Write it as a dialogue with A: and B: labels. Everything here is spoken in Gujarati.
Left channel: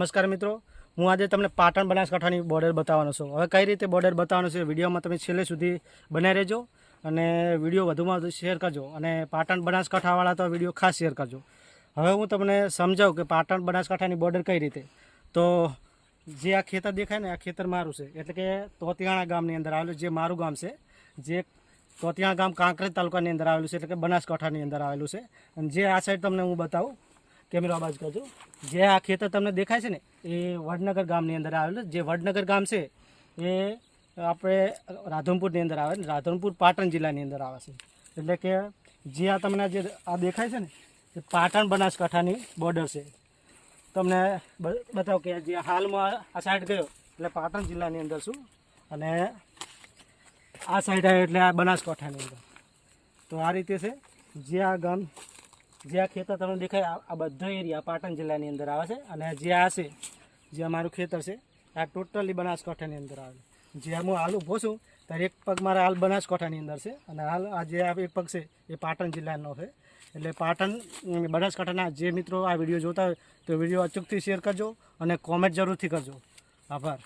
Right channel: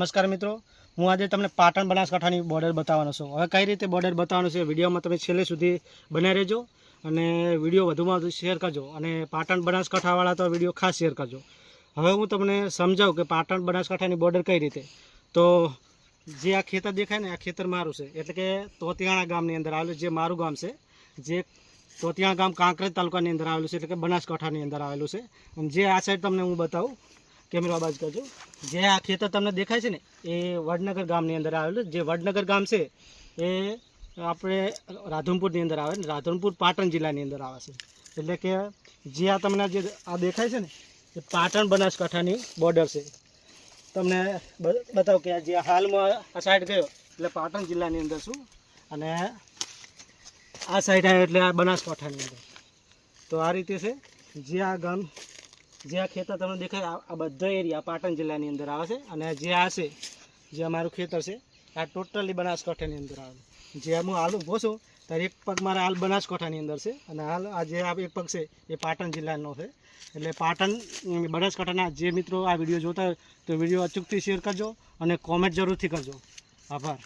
A: નમસ્કાર મિત્રો. હું આજે તમને પાટણ બનાસકાંઠાની બોર્ડર બતાવવાનો છું. હવે કઈ રીતે બોર્ડર બતાવવાનું છે વિડીયોમાં તમે છેલ્લે સુધી બનાવી રહેજો અને વીડિયો વધુમાં વધુ શેર કરજો અને પાટણ બનાસકાંઠાવાળા તો વીડિયો ખાસ શેર કરજો. હવે હું તમને સમજાવું કે પાટણ બનાસકાંઠાની બોર્ડર કઈ રીતે. તો જે આ ખેતર દેખાય ને, આ ખેતર મારું છે. એટલે કે તોતિયાણા ગામની અંદર આવેલું જે મારું ગામ છે, જે તોતિયાણા ગામ કાંકરેજ તાલુકાની અંદર આવેલું છે, એટલે કે બનાસકાંઠાની અંદર આવેલું છે. અને જે આ સાઈડ તમને હું બતાવું કેમેરા બાજુ કરજો. જે આ ખેતર તમને દેખાય છે ને, એ વડનગર ગામની અંદર આવેલું જે વડનગર ગામ છે, એ આપણે રાધનપુરની અંદર આવે રાધનપુર પાટણ જિલ્લાની અંદર આવે છે. એટલે કે જે આ તમને જે આ દેખાય છે ને, એ પાટણ બનાસકાંઠાની બોર્ડર છે. તમને બતાવું કે જે હાલમાં આ સાઈડ ગયો, એટલે પાટણ જિલ્લાની અંદર છું. અને આ સાઈડ આવ્યો એટલે આ બનાસકાંઠાની અંદર. તો આ રીતે છે, જે આ ગામ જે આ ખેતર તમને દેખાય, આ- બધા એરિયા પાટણ જિલ્લાની અંદર આવે છે. અને જે આ છે, જે અમારું ખેતર છે, આ ટોટલી બનાસકાંઠાની અંદર આવે જે હું હાલ ઊભો છું, ત્યારે એક પગ મારા હાલ બનાસકાંઠાની અંદર છે. અને હાલ આ જે આ એક પગ છે, એ પાટણ જિલ્લાનો છે. એટલે પાટણ બનાસકાંઠાના જે મિત્રો આ વીડિયો જોતા હોય, તો વીડિયો અચૂકથી શેર કરજો અને કોમેન્ટ જરૂરથી કરજો. આભાર.